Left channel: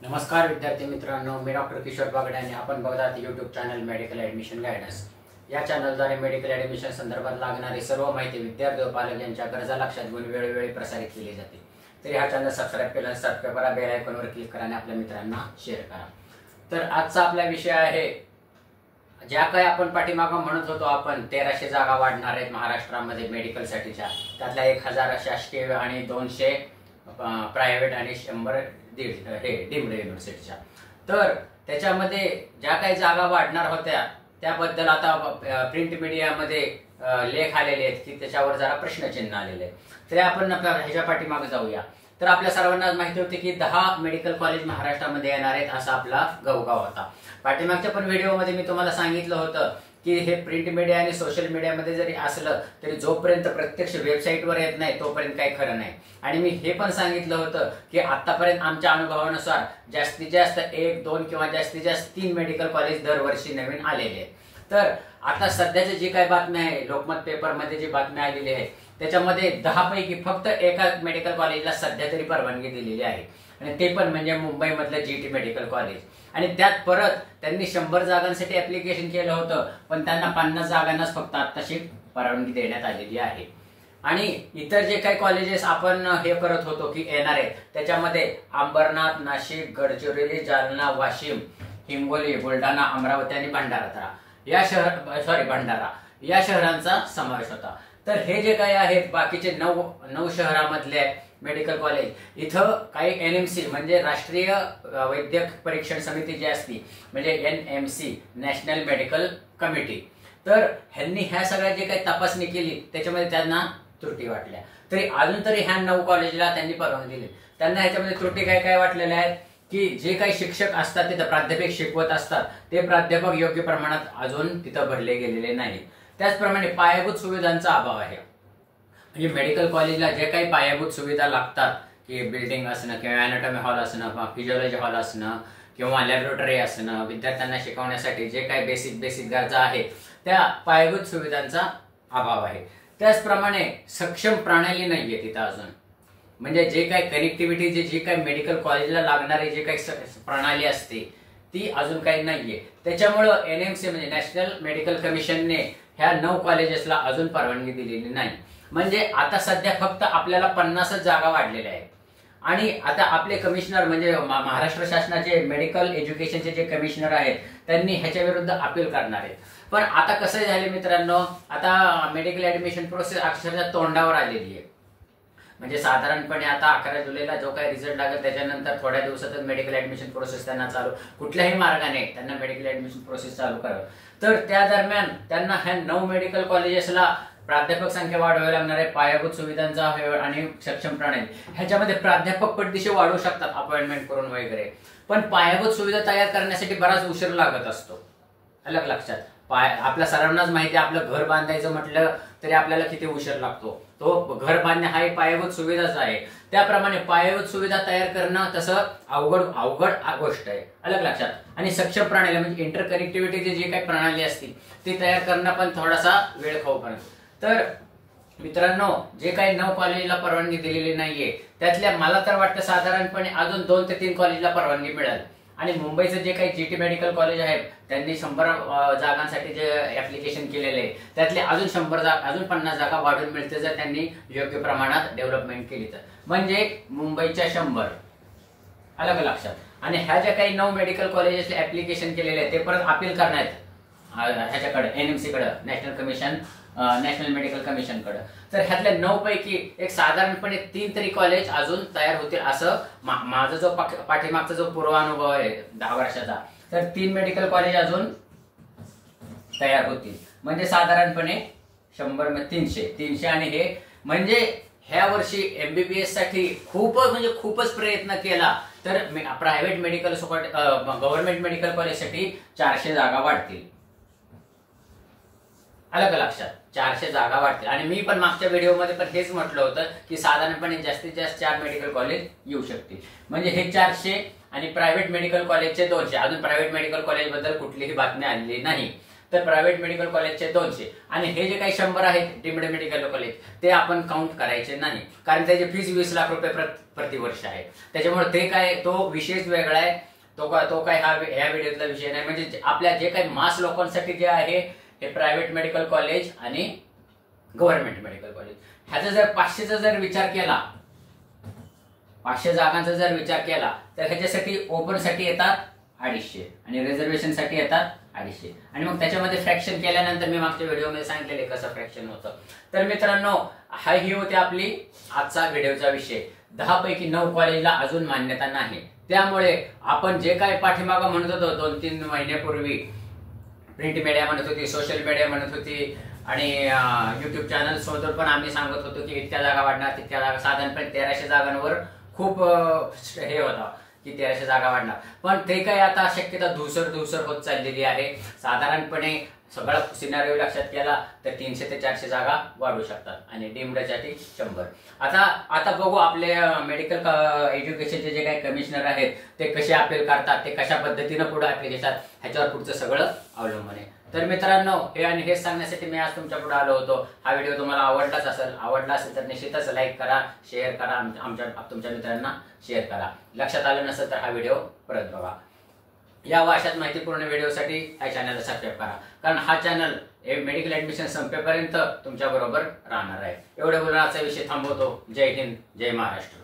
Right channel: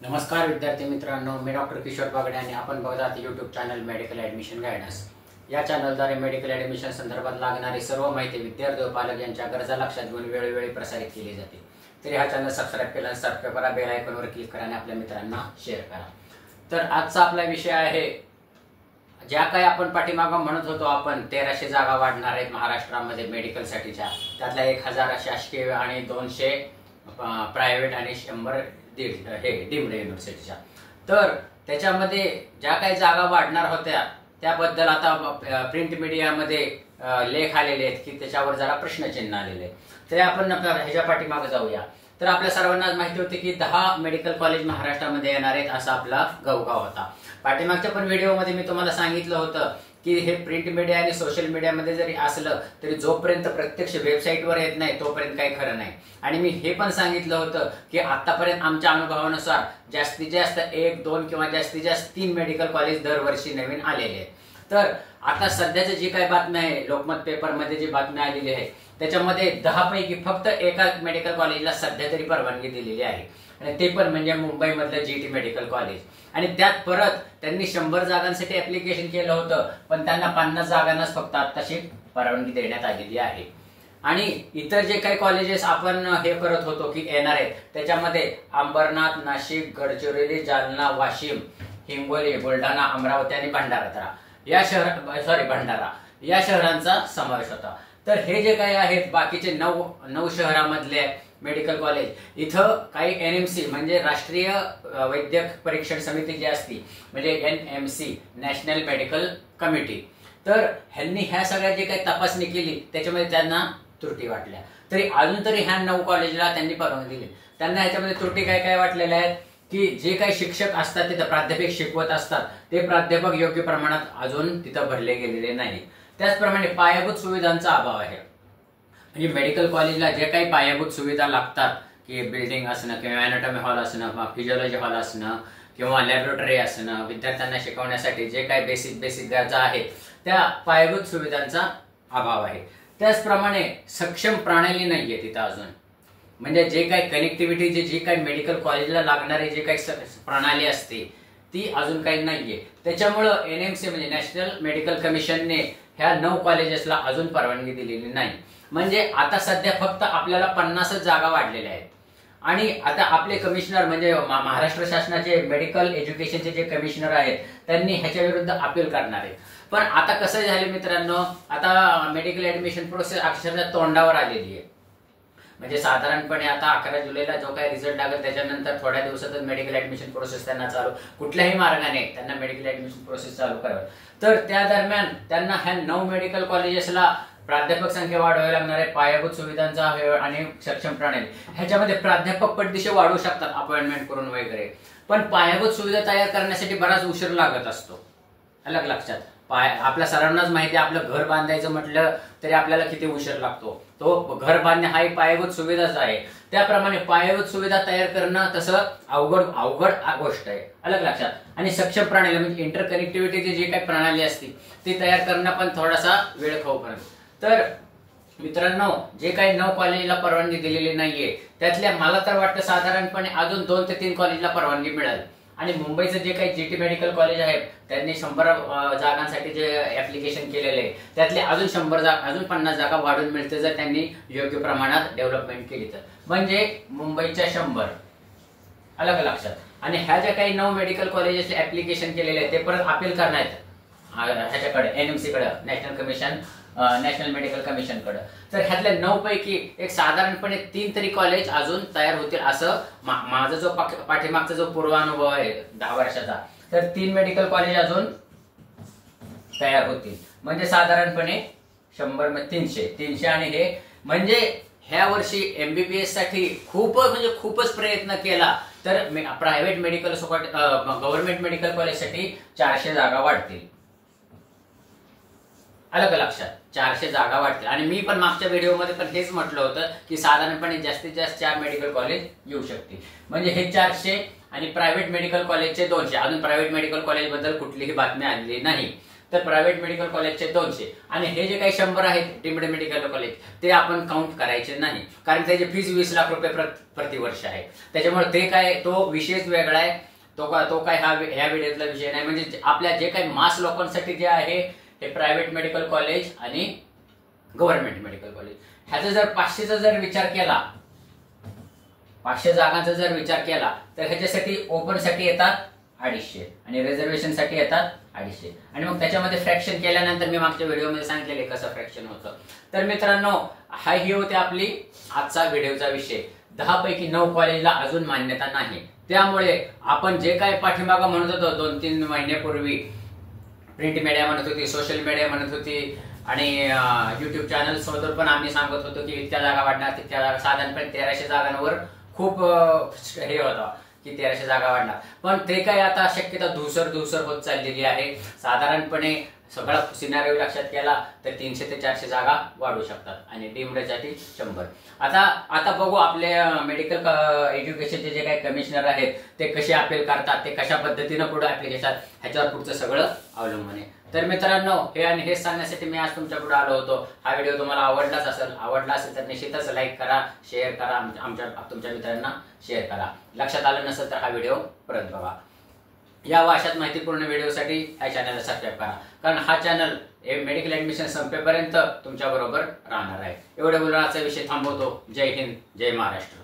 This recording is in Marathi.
नमस्कार विद्यार्थी मित्रांनो, मी डॉक्टर किशोर बागडे आणि आपण बघतात YouTube channel medical admission guidance. या चॅनलद्वारे मेडिकल ॲडमिशन संदर्भात लागणारी सर्व माहिती विद्यार्थी व पालक यांच्या गरजा लक्षात घेऊन वेळोवेळी प्रसारित केली जाते। तरी हा चॅनल सबस्क्राइब केला, सबस्क्राइब करा, बेल आयकॉनवर क्लिक करा आणि आपल्या मित्रांना शेअर करा। तर आजचा आपला विषय आहे, ज्या काही आपण पाठीमागं म्हणत होतो आपण 1300 जागा वाढणार आहेत महाराष्ट्रामध्ये मेडिकलसाठीच्या, त्यातल्या 1000 शासकीय आणि 200 प्रायव्हेट आणि 100 डीम्ड युनिव्हर्सिटीच्या। तर त्याच्यामध्ये ज्या काही जागा वाढणार होत्या त्याबद्दल आता प्रिंट मीडियामध्ये लेख आलेले आहेत की त्याच्यावर जरा प्रश्नचिन्ह आलेले आहे। तर आपण ह्याच्या पाठीमागे जाऊया। तर आपल्या सर्वांना माहिती होते की 10 मेडिकल कॉलेज महाराष्ट्रामध्ये येणार आहेत असा आपला गवगाव होता। पाठीमागच्या पण व्हिडिओमध्ये मी तुम्हाला सांगितलं होतं की हे प्रिंट मीडिया आणि सोशल मीडियामध्ये जरी असलं तरी जोपर्यंत प्रत्यक्ष वेबसाईटवर येत नाही तोपर्यंत काही खरं नाही। आणि मी हे पण सांगितलं होतं की आतापर्यंत आमच्या अनुभवानुसार जास्तीत जास्त 1, 2 किंवा जास्तीत जास्त 3 मेडिकल कॉलेज दरवर्षी नवीन आलेले आहेत। तर आता सध्याची जी काही बातमी आहे, लोकमत पेपरमध्ये जी बातमी आलेली आहे त्याच्यामध्ये 10 पैकी फक्त एका मेडिकल कॉलेजला सध्या तरी परवानगी दिलेली आहे आणि ते पण म्हणजे मुंबईमधलं जीटी मेडिकल कॉलेज। आणि त्यात परत त्यांनी 100 जागांसाठी ऍप्लिकेशन केलं होतं, पण त्यांना 50 जागांनाच फक्त आत्ताशी परवानगी देण्यात आलेली आहे। आणि इतर जे काही कॉलेजेस आपण हे करत होतो की येणार आहेत त्याच्यामध्ये अंबरनाथ, नाशिक, गडचिरोली, जालना, वाशिम, हिंगोली, बुलढाणा, अमरावती आणि भंडारा या शहरांचा समावेश होता। तर हे जे काही आहेत बाकीचे 9 शहरांमधले मेडिकल कॉलेज, इथं काही एनएमसी म्हणजे राष्ट्रीय वैद्यक परीक्षण समिती जी असती म्हणजे एनएमसी, नॅशनल मेडिकल कमिटी, तर ह्यांनी ह्या सगळ्या जे काही तपासणी केली त्याच्यामध्ये त्यांना त्रुटी वाटल्या। तरी अजून तरी ह्या 9 कॉलेजला त्यांनी परवानगी दिली। त्यांना ह्याच्यामध्ये त्रुटी काय वाटलेल्या आहेत की जे काही शिक्षक असतात तिथं प्राध्यापक शिकवत असतात ते प्राध्यापक योग्य प्रमाणात अजून तिथं भरले गेलेले नाहीत। त्याचप्रमाणे पायाभूत सुविधांचा अभाव आहे। म्हणजे मेडिकल कॉलेजला जे काही पायाभूत सुविधा लागतात की बिल्डिंग असणं किंवा अॅनाटॉमी हॉल असणं, फिजिओलॉजी हॉल असणं किंवा लॅबोरेटरी असणं, विद्यार्थ्यांना शिकवण्यासाठी जे काही बेसिक गरजा आहेत त्या पायाभूत सुविधांचा अभाव आहे। त्याचप्रमाणे सक्षम प्रणाली नाहीये तिथं अजून, म्हणजे जे काही कनेक्टिव्हिटी जी काही मेडिकल कॉलेजला लागणारी जे काही प्रणाली असते ती अजून काही नाहीये। त्याच्यामुळं एनएमसी म्हणजे नॅशनल मेडिकल कमिशनने ह्या 9 कॉलेजेसला अजून परवानगी दिलेली नाही। म्हणजे आता सध्या फक्त आपल्याला 50 जागा वाढलेल्या आहेत। आणि आता आपले कमिशनर म्हणजे महाराष्ट्र शासनाचे मेडिकल एज्युकेशनचे जे कमिशनर आहेत त्यांनी ह्याच्या विरुद्ध अपील करणार आहेत। पण आता कसं झालं मित्रांनो, आता मेडिकल ऍडमिशन प्रोसेस अक्षरशः तोंडावर आलेली आहे। म्हणजे साधारणपणे आता 11 जुलैला जो काही रिझल्ट लागेल त्याच्यानंतर थोड्या दिवसातच मेडिकल ऍडमिशन प्रोसेस त्यांना चालू, कुठल्याही मार्गाने त्यांना मेडिकल ऍडमिशन प्रोसेस चालू करावी। तर त्या दरम्यान त्यांना ह्या 9 मेडिकल कॉलेजेसला प्राध्यापक संख्या वाढवावी लागणार आहे, पायाभूत सुविधांचा आणि सक्षम प्रणाली, ह्याच्यामध्ये प्राध्यापक पटदिशी वाढवू शकतात अपॉइंटमेंट करून वगैरे, पण पायाभूत सुविधा तयार करण्यासाठी बराच उशीर लागत असतो। अलग लक्षात, आपल्या सर्वांनाच माहिती आहे आपलं घर बांधायचं म्हटलं तरी आपल्याला किती उशीर लागतो, तो घर बांधणे हा एक पायाभूत सुविधाच आहे। त्याप्रमाणे पायाभूत सुविधा तयार करणं तसं अवघड गोष्ट आहे, अलग लक्षात। आणि सक्षम प्रणाली म्हणजे इंटरकनेक्टिव्हिटीची जी काही प्रणाली असते ती तयार करणं पण थोडासा वेळ खाऊ पर्यंत। तर मित्रांनो, जे काही 9 कॉलेजला परवानगी दिलेली नाहीये त्यातल्या मला तर वाटतं साधारणपणे अजून 2 ते 3 कॉलेजला परवानगी मिळेल। आणि मुंबईचं जे काही जीटी मेडिकल कॉलेज आहेत त्यांनी 100 जागांसाठी जे ऍप्लिकेशन केलेले आहे त्यातले अजून 50 जागा वाढून मिळते जर त्यांनी योग्य प्रमाणात डेव्हलपमेंट केली तर, म्हणजे मुंबईच्या 100, अलग लक्षात। आणि ह्या ज्या काही 9 मेडिकल कॉलेजेसचे ऍप्लिकेशन केलेले आहे ते परत अपील करण्यात ह्याच्याकडे एनएमसी कडे, नॅशनल मेडिकल कमिशन कडे। तर ह्यातल्या 9 पैकी एक साधारणपणे 3 तरी कॉलेज अजून तयार होतील असं माझा जो पाठीमागचा जो पूर्वानुभव आहे 10 वर्षाचा, तर 3 मेडिकल कॉलेज अजून तयार होतील। म्हणजे साधारणपणे 100 मध्ये 300 आणि हे म्हणजे ह्या वर्षी एमबीबीएस साठी खूपच प्रयत्न केला तर प्रायव्हेट मेडिकल गव्हर्नमेंट मेडिकल कॉलेजसाठी 400 जागा वाढतील, अलग लक्षात, 400 जागा वाढतील। आणि मी पण मागच्या व्हिडिओमध्ये पण हेच म्हटलं होतं की साधारणपणे जास्तीत जास्त 4 मेडिकल कॉलेज येऊ शकतील, म्हणजे हे 400 आणि प्रायव्हेट मेडिकल कॉलेजचे 200। अजून प्रायव्हेट मेडिकल कॉलेज बद्दल कुठलीही बातमी आलेली नाही। तर प्रायव्हेट मेडिकल कॉलेजचे 200 आणि हे जे काही 100 आहेत डीम्ड मेडिकल कॉलेज ते आपण काउंट करायचे नाही, कारण त्याची फीज 20 लाख रुपये प्रतिवर्ष आहे. त्याच्यामुळे ते काय तो विषयच वेगळा आहे. तो काय ह्या व्हिडिओतला विषय नाही. म्हणजे आपल्या जे काही मास लोकांसाठी जे आहे हे प्रायव्हेट मेडिकल कॉलेज आणि गव्हर्नमेंट मेडिकल कॉलेज, ह्याचा जर 500चा जर विचार केला, 500 जागांचा जर विचार केला तर ह्याच्यासाठी ओपन साठी येतात 250 आणि रिझर्वेशन साठी येतात 250 आणि मग त्याच्यामध्ये फ्रॅक्शन केल्यानंतर मी मागच्या व्हिडिओमध्ये सांगितलेले कसं फ्रॅक्शन होतं. तर मित्रांनो ही होती आपली आजचा व्हिडिओचा विषय. 10 पैकी 9 कॉलेजला अजून मान्यता नाही. त्यामुळे आपण जे काही पाठीमागं म्हणत होतो 2-3 महिन्यापूर्वी, प्रिंट मीडिया म्हणत होती, सोशल मीडिया म्हणत होती आणि युट्यूब चॅनल सोबत पण आम्ही सांगत होतो की इतक्या जागा वाढणार, तितक्या जागा, साधारणपणे 1300 जागांवर खूप हे होतं की 1300 जागा वाढणार. पण ते काय आता शक्यता धुसर होत चाललेली आहे. साधारणपणे सगळा सिनारिओ लक्षात केला तर 300 ते 400 जागा वाढू शकतात आणि डीम्डसाठी 100. आता बघू आपले मेडिकल एज्युकेशनचे जे काही कमिशनर आहेत ते कसे अपील करतात, ते कशा पद्धतीनं पुढे अपील घेतात, ह्याच्यावर पुढचं सगळं अवलंबून आहे. तर मित्रांनो हेच सांगण्यासाठी मी आज तुमच्या पुढे आलो होतो. हा व्हिडिओ तुम्हाला आवडला असेल तर निश्चितच लाईक करा, शेअर करा, तुमच्या मित्रांना शेअर करा. लक्षात आलं नसेल तर हा व्हिडिओ परत बघा. या व अशाच माहितीपूर्ण व्हिडिओसाठी या चॅनलला सबस्क्राईब करा, कारण हा चॅनल मेडिकल ऍडमिशन संपेपर्यंत तुमच्या बरोबर राहणार आहे. एवढे बोलून आजचा विषय थांबवतो. जय हिंद, जय महाराष्ट्र.